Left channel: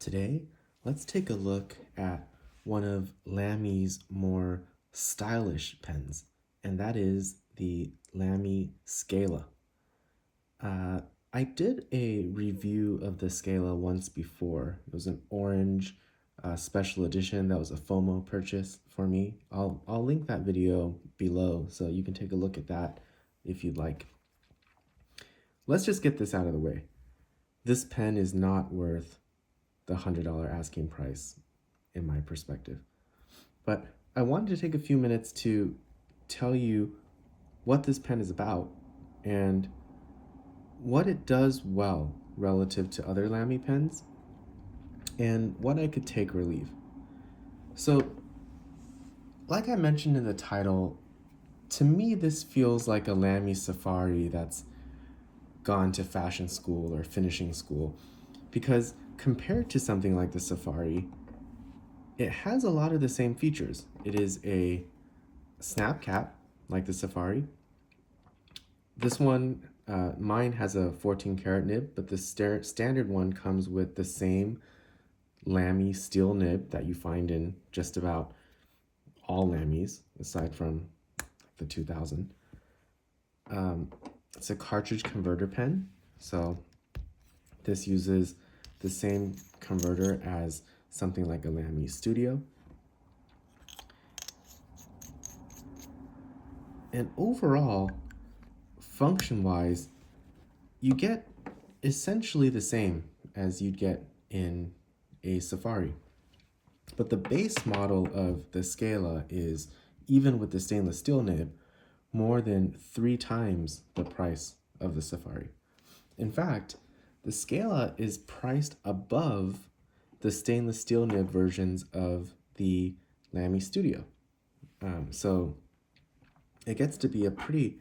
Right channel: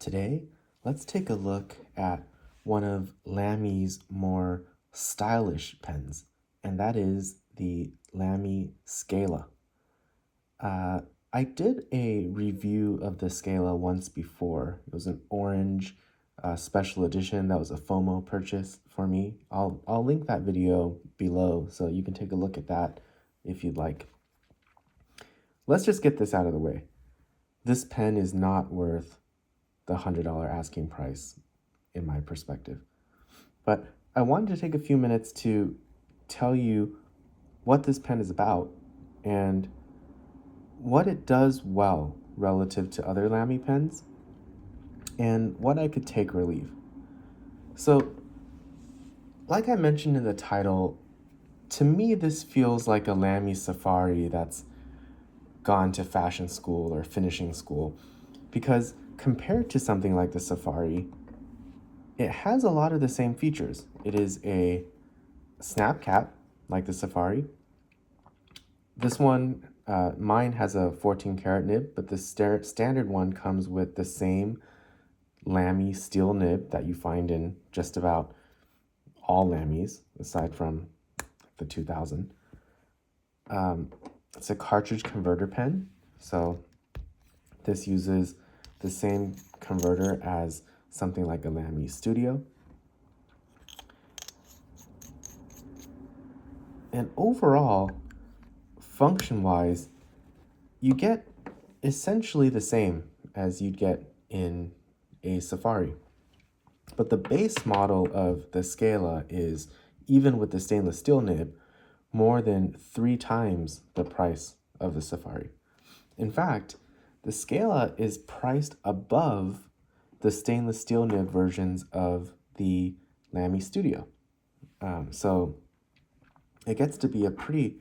Today, let's take a look at one of Lamy's more stylish pens, and that is the Lamy Scala. I did a review of the Scala once before. It was an orange special edition that was a FOMO purchase for me. I'll link that video below so you can take a look at that if you'd like. Let's just get this out of the way. This pen is not worth the $100 asking price in my perspective. But I wanted to take a few minutes to tell you what this pen is about and what it does well relative to other Lamy pens and what I could take or leave. So, like I mentioned in the title, to me this feels like a Lamy Safari that's gone to fashion school or finishing school, because compared to something like the Safari, it has a lot of the same features. It is a snap cap like the Safari. This one, mine has a 14 karat nib, but the standard one comes with the same Lamy steel nib that you find in just about all Lamys, aside from the 2000. It's a cartridge converter pen, so this uses the same converter as something like a Lamy Studio. And overall, function-wise, you get essentially the same as you'd get in a Safari. But the base model of the Scala is, even with the stainless steel nib, more than 3 times the price of the Safari. In fact, the Scala is priced above the stainless steel nib versions of the Lamy Studio. So it gets to be a pretty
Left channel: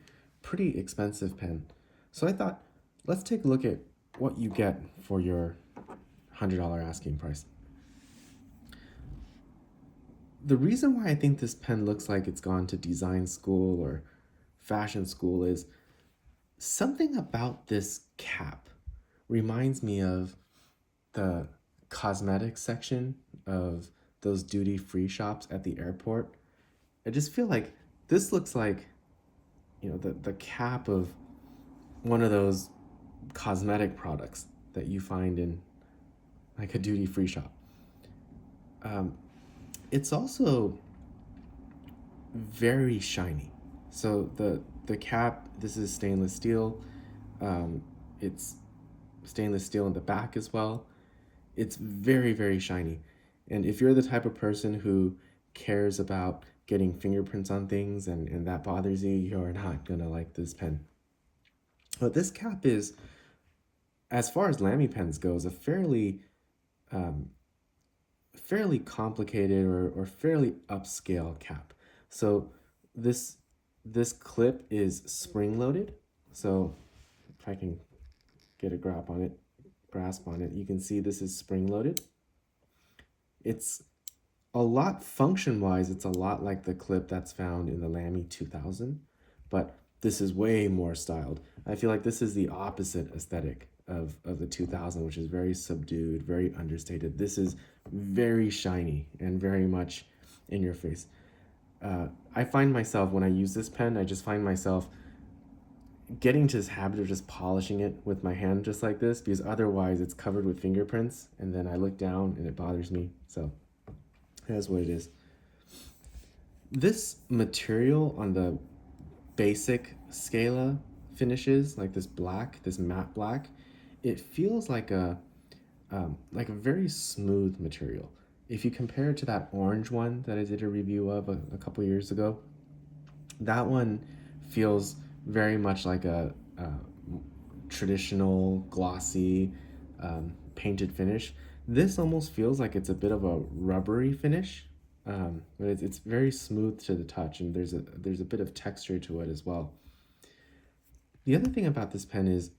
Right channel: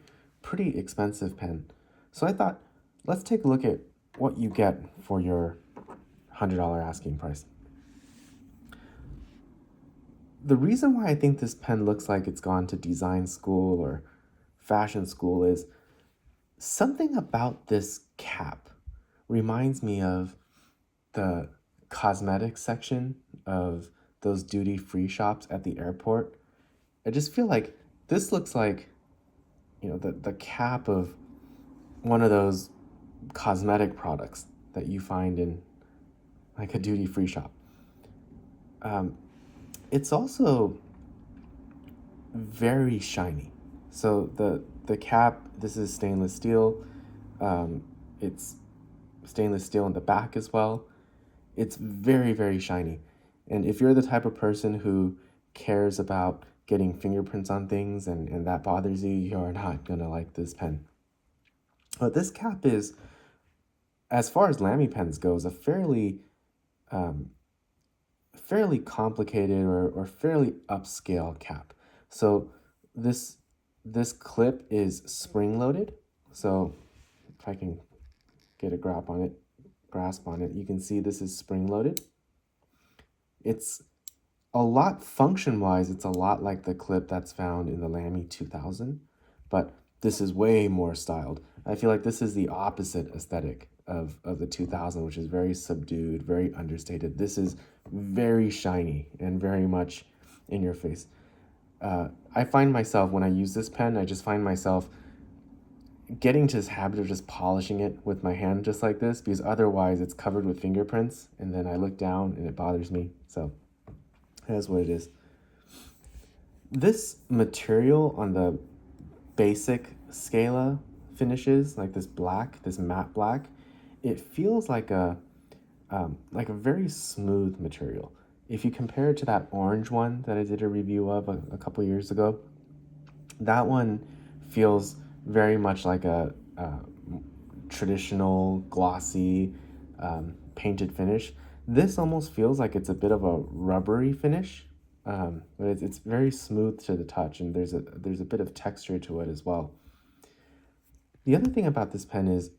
expensive pen. So I thought, let's take a look at what you get for your $100 asking price. The reason why I think this pen looks like it's gone to design school or fashion school is something about this cap reminds me of the cosmetics section of those duty-free shops at the airport. I just feel like this looks like, you know, the cap of one of those cosmetic products that you find in like a duty-free shop. It's also very shiny. So the cap, this is stainless steel. It's stainless steel in the back as well. It's very shiny. And if you're the type of person who cares about getting fingerprints on things and that bothers you, you're not gonna like this pen. But this cap is, as far as Lamy pens goes, a fairly complicated or fairly upscale cap. So this clip is spring-loaded. So if I can get a grasp on it, you can see this is spring-loaded. It's a lot, function-wise, it's a lot like the clip that's found in the Lamy 2000, but this is way more styled. I feel like this is the opposite aesthetic of the 2000, which is very subdued, very understated. This is very shiny and very much in your face. I find myself, when I use this pen, I just find myself getting to this habit of just polishing it with my hand just like this, because otherwise it's covered with fingerprints and then I look down and it bothers me. So that's what it is. This material on the basic Scala finishes, like this black, this matte black, it feels like a very smooth material. If you compare it to that orange one that I did a review of a couple years ago, that one feels very much like a traditional glossy painted finish. This almost feels like it's a bit of a rubbery finish, but it's very smooth to the touch, and there's a bit of texture to it as well. The other thing about this pen is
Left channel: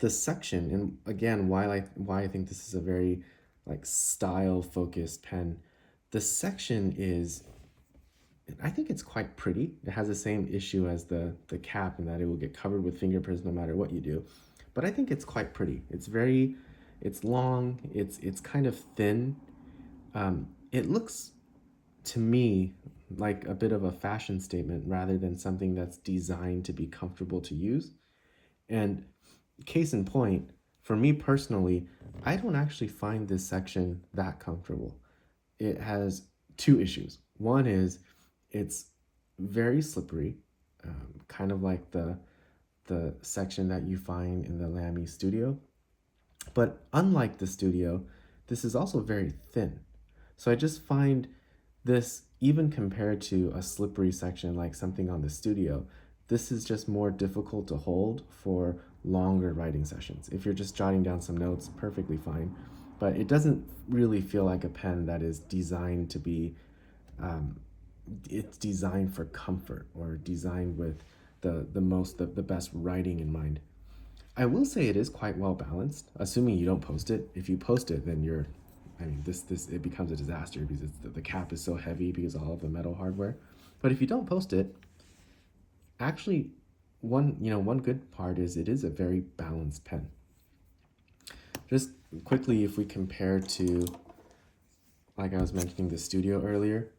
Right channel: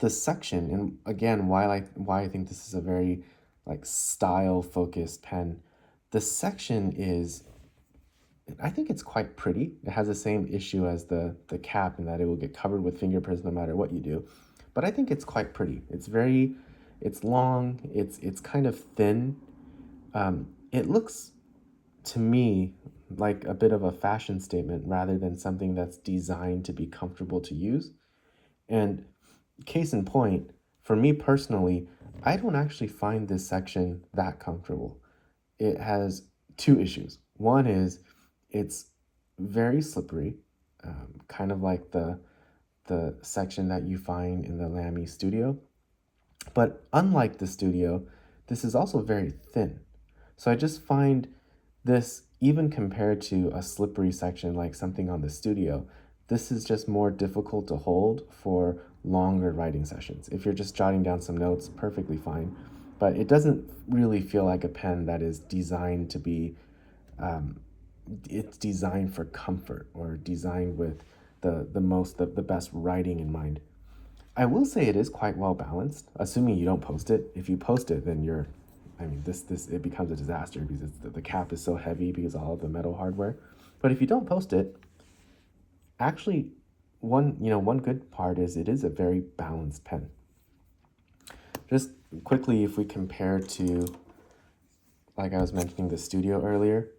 the section, and again, why I think this is a very like style-focused pen. The section is, I think it's quite pretty. It has the same issue as the cap in that it will get covered with fingerprints no matter what you do. But I think it's quite pretty. It's very It's long, it's kind of thin. It looks to me like a bit of a fashion statement rather than something that's designed to be comfortable to use. And case in point, for me personally, I don't actually find this section that comfortable. It has two issues. One is it's very slippery, kind of like the section that you find in the Lamy Studio. But unlike the Studio, this is also very thin. So I just find this, even compared to a slippery section like something on the Studio, this is just more difficult to hold for longer writing sessions. If you're just jotting down some notes, perfectly fine. But it doesn't really feel like a pen that is designed to be, it's designed for comfort or designed with the best writing in mind. I will say it is quite well balanced, assuming you don't post it. If you post it, then it becomes a disaster because the cap is so heavy because of all of the metal hardware. But if you don't post it, actually, one good part is it is a very balanced pen. Just quickly, if we compare to, like I was mentioning, the Studio earlier,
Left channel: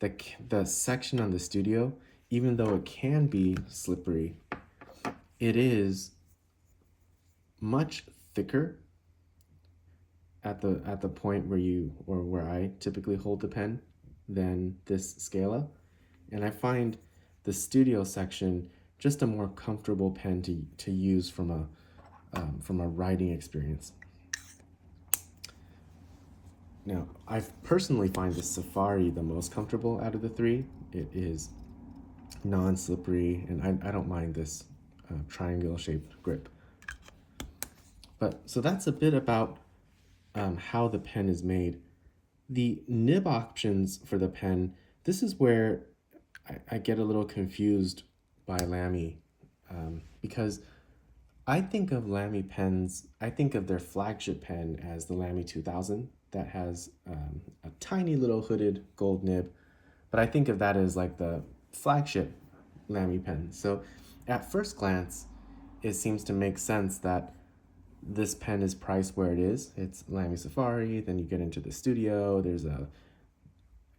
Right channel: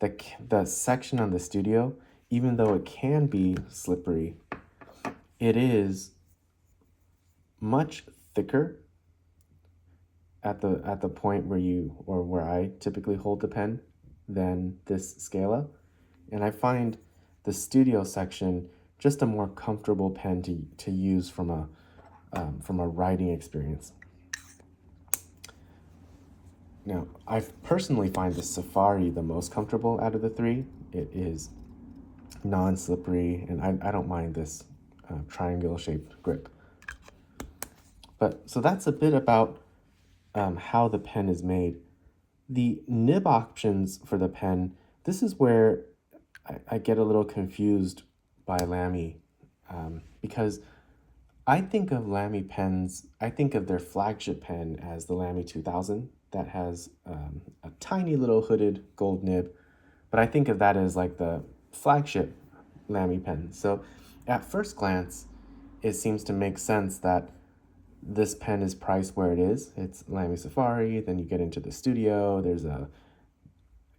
the section on the Studio, even though it can be slippery, it is much thicker at the point where I typically hold the pen than this Scala. And I find the Studio section just a more comfortable pen to use from a writing experience. Now, I personally find the Safari the most comfortable out of the three. It is non-slippery, and I don't mind this triangle-shaped grip. But so that's a bit about how the pen is made. The nib options for the pen, this is where I get a little confused by Lamy, because I think of Lamy pens, I think of their flagship pen as the Lamy 2000 that has a tiny little hooded gold nib, but I think of that as like the flagship Lamy pen. So at first glance, it seems to make sense that this pen is priced where it is. It's Lamy Safari, then you get into the Studio, there's a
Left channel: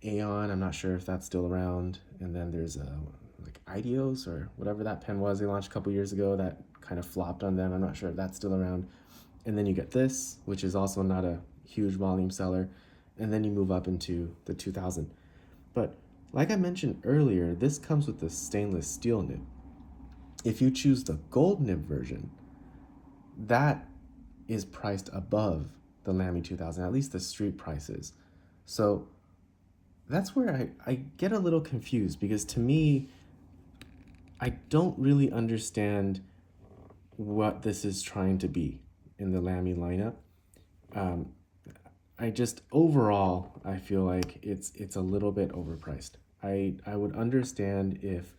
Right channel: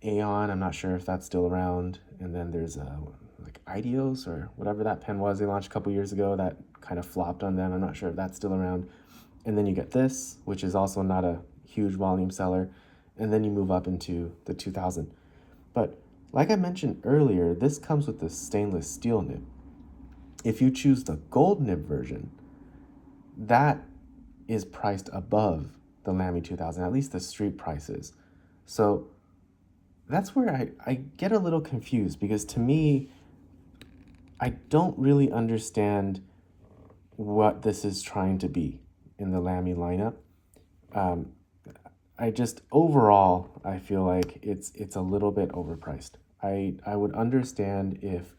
Aeon, I'm not sure if that's still around, and then there's like Ideos or whatever that pen was they launched a couple years ago that kind of flopped on them. I'm not sure if that's still around. And then you get this, which is also not a huge volume seller, and then you move up into the 2000. But like I mentioned earlier, this comes with the stainless steel nib. If you choose the gold nib version, that is priced above the Lamy 2000, at least the street prices. So that's where I get a little confused, because to me, I don't really understand what this is trying to be in the Lamy lineup. Overall, I feel like it's a little bit overpriced. I would understand if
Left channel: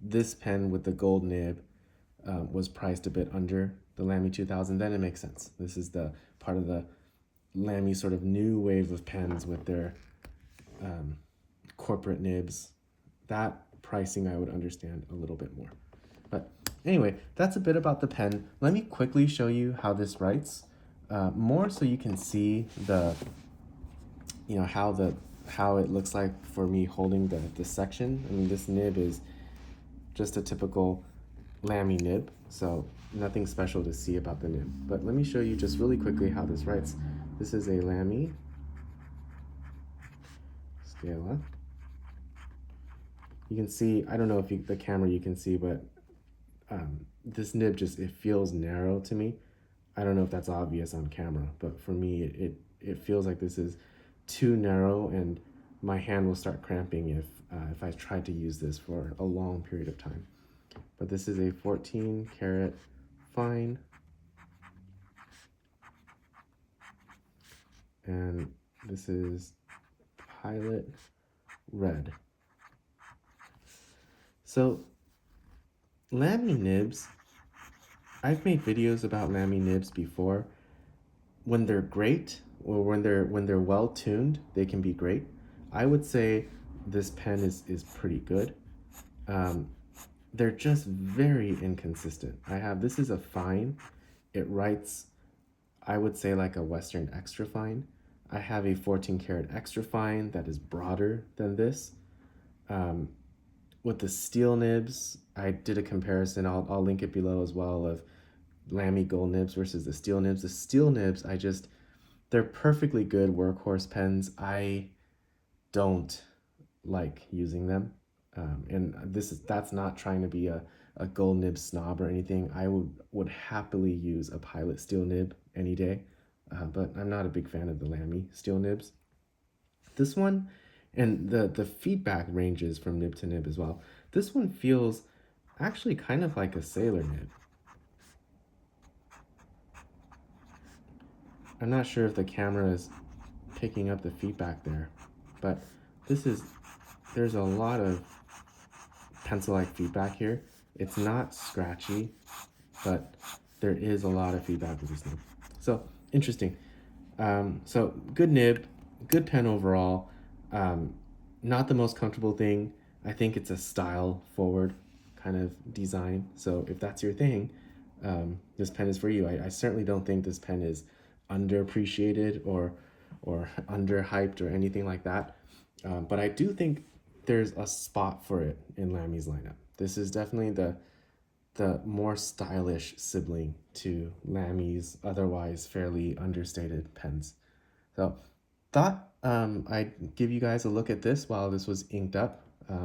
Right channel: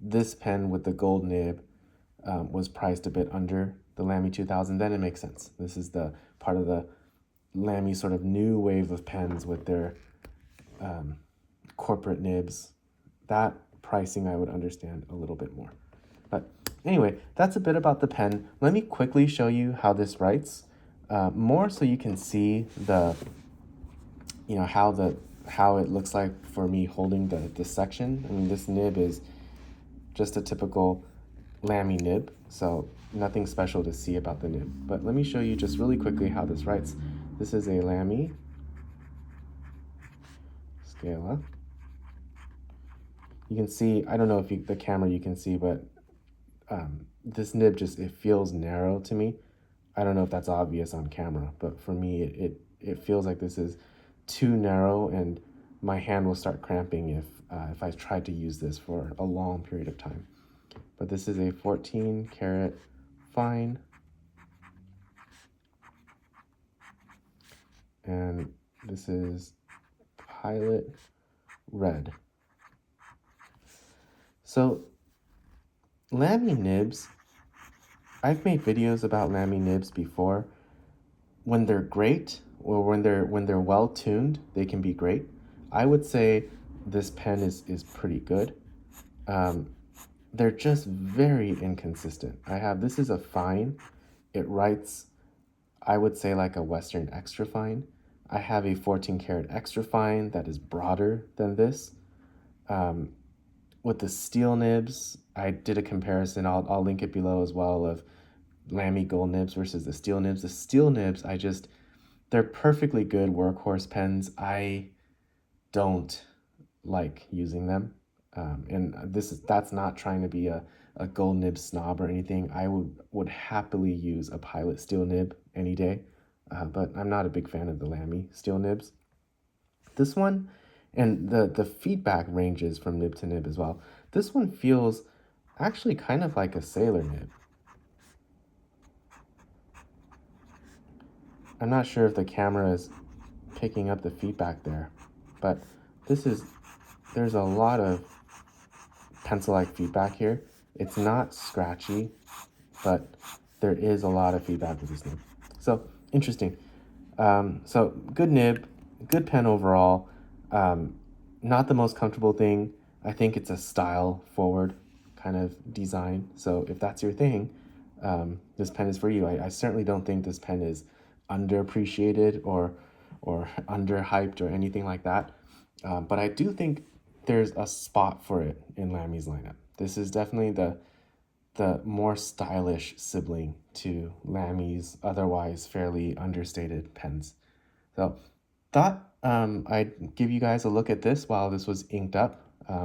this pen with the gold nib was priced a bit under the Lamy 2000, then it makes sense. This is the part of the Lamy sort of new wave of pens with their corporate nibs. That pricing I would understand a little bit more. But anyway, that's a bit about the pen. Let me quickly show you how this writes, more so you can see how it looks like for me holding the section. I mean, this nib is just a typical Lamy nib, so nothing special to see about the nib. But let me show you just really quickly how this writes. This is a Lamy Scala. You can see, I don't know if the camera you can see, but this nib it feels narrow to me. I don't know if that's obvious on camera, but for me, it feels like this is too narrow, and my hand will start cramping if I try to use this for a long period of time. But this is a 14 karat fine, and this is Pilot Red. So Lamy nibs, I've made videos about Lamy nibs before. When they're great, or when they're well tuned, they can be great. I would say this pen is pretty good. They're just very inconsistent. This is a fine. It writes I would say like a Western Extra Fine. I have a 14 karat Extra Fine that is broader than this. With the steel nibs, I did a comparison, I'll link it below as well, of Lamy gold nibs versus the steel nibs. The steel nibs, they're perfectly good workhorse pens. I don't like using them. And that's not trying to be a gold nib snob or anything. I would happily use a Pilot steel nib any day, but I'm not a big fan of the Lamy steel nibs. This one, and the feedback ranges from nib to nib as well. This one feels actually kind of like a Sailor nib. I'm not sure if the camera is picking up the feedback there, but there's a lot of pencil-like feedback here. It's not scratchy, but there is a lot of feedback with this nib. So interesting. So good nib, good pen overall. Not the most comfortable thing. I think it's a style forward kind of design. So if that's your thing, this pen is for you. I certainly don't think this pen is underappreciated or underhyped or anything like that. But I do think there's a spot for it in Lamy's lineup. This is definitely the more stylish sibling to Lamy's otherwise fairly understated pens. So thought I'd give you guys a look at this while this was inked up.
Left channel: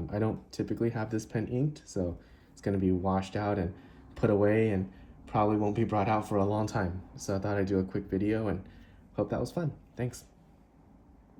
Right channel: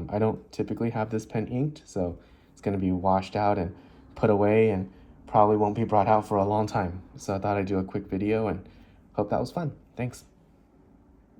I don't typically have this pen inked, so it's going to be washed out and put away and probably won't be brought out for a long time. So I thought I'd do a quick video and hope that was fun. Thanks.